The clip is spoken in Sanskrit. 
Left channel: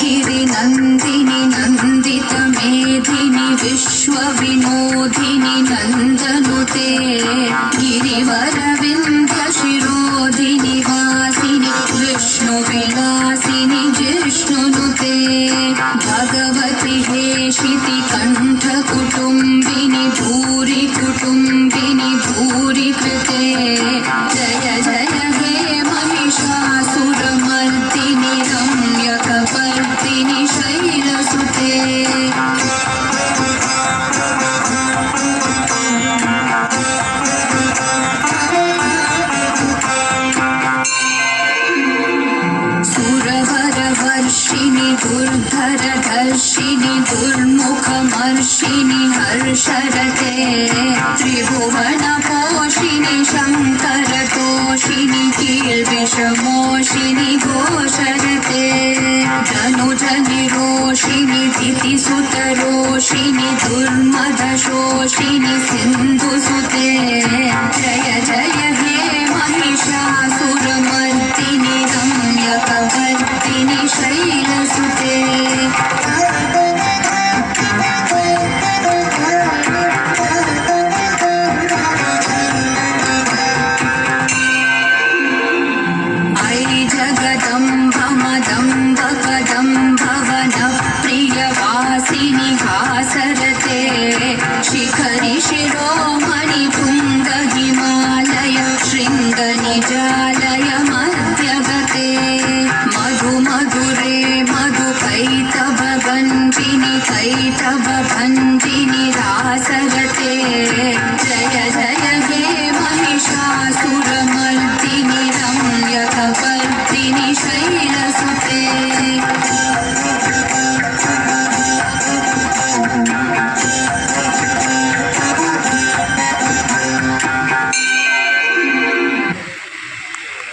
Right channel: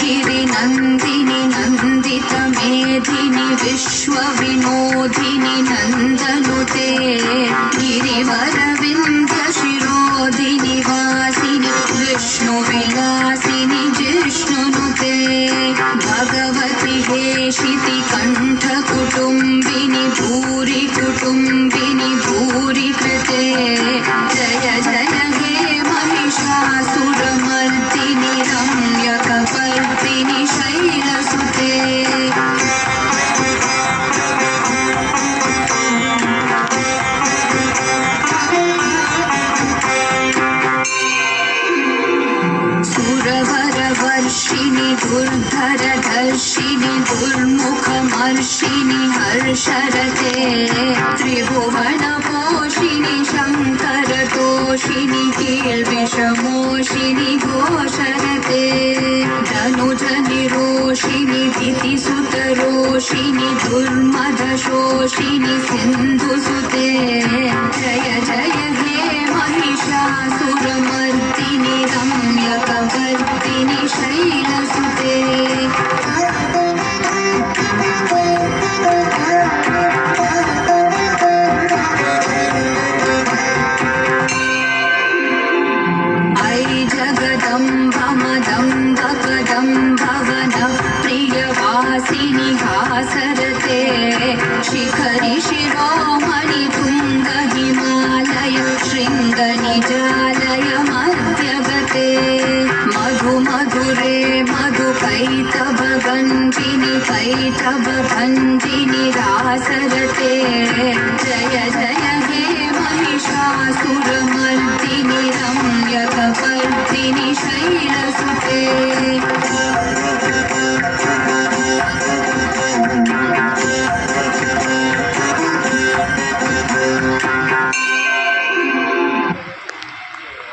गिरिनन्दिनि नन्दितमेधिनि विश्वविनोदिनि नन्दनुते गिरिवरविन्द्यशिरोधिनि वासिनि विष्णुविलासिनि जिष्णुनुते भगवति हेशिति कण्ठकुटुम्बिनि भूरि कुटुम्बिनि भूरि कृते जय जय हे महिषासुरमर्दिनि रम्यकपर्दिनि शैलसुते सुरवरवर्षिणि दुर्धरधर्षिणि दुर्मुखमर्षिणि हर्षरते त्रिभुवनपोषिणि शङ्करतोषिणि कीर्विषमोषिणि घोषरते धनुजनिरोषिणि दितिसुतरोषिणि दुर्मदशोषिणि सिन्धुसुते जय जय हे महिषासुरमर्दिनि रम्यकपर्दिनि शैलसुते जगदम्ब मदम्ब कदम्ब वनप्रियवासिनि हासरते शिखरि शिरोमणि तुङ्ग हिमालय शृङ्गनिजालय मध्यगते मधुमधुरे मधुकैटभभञ्जिनि कैटभभञ्जिनि रासरते जय जय हे महिषासुरमर्दिनि रम्यकपर्दिनि शैलसुते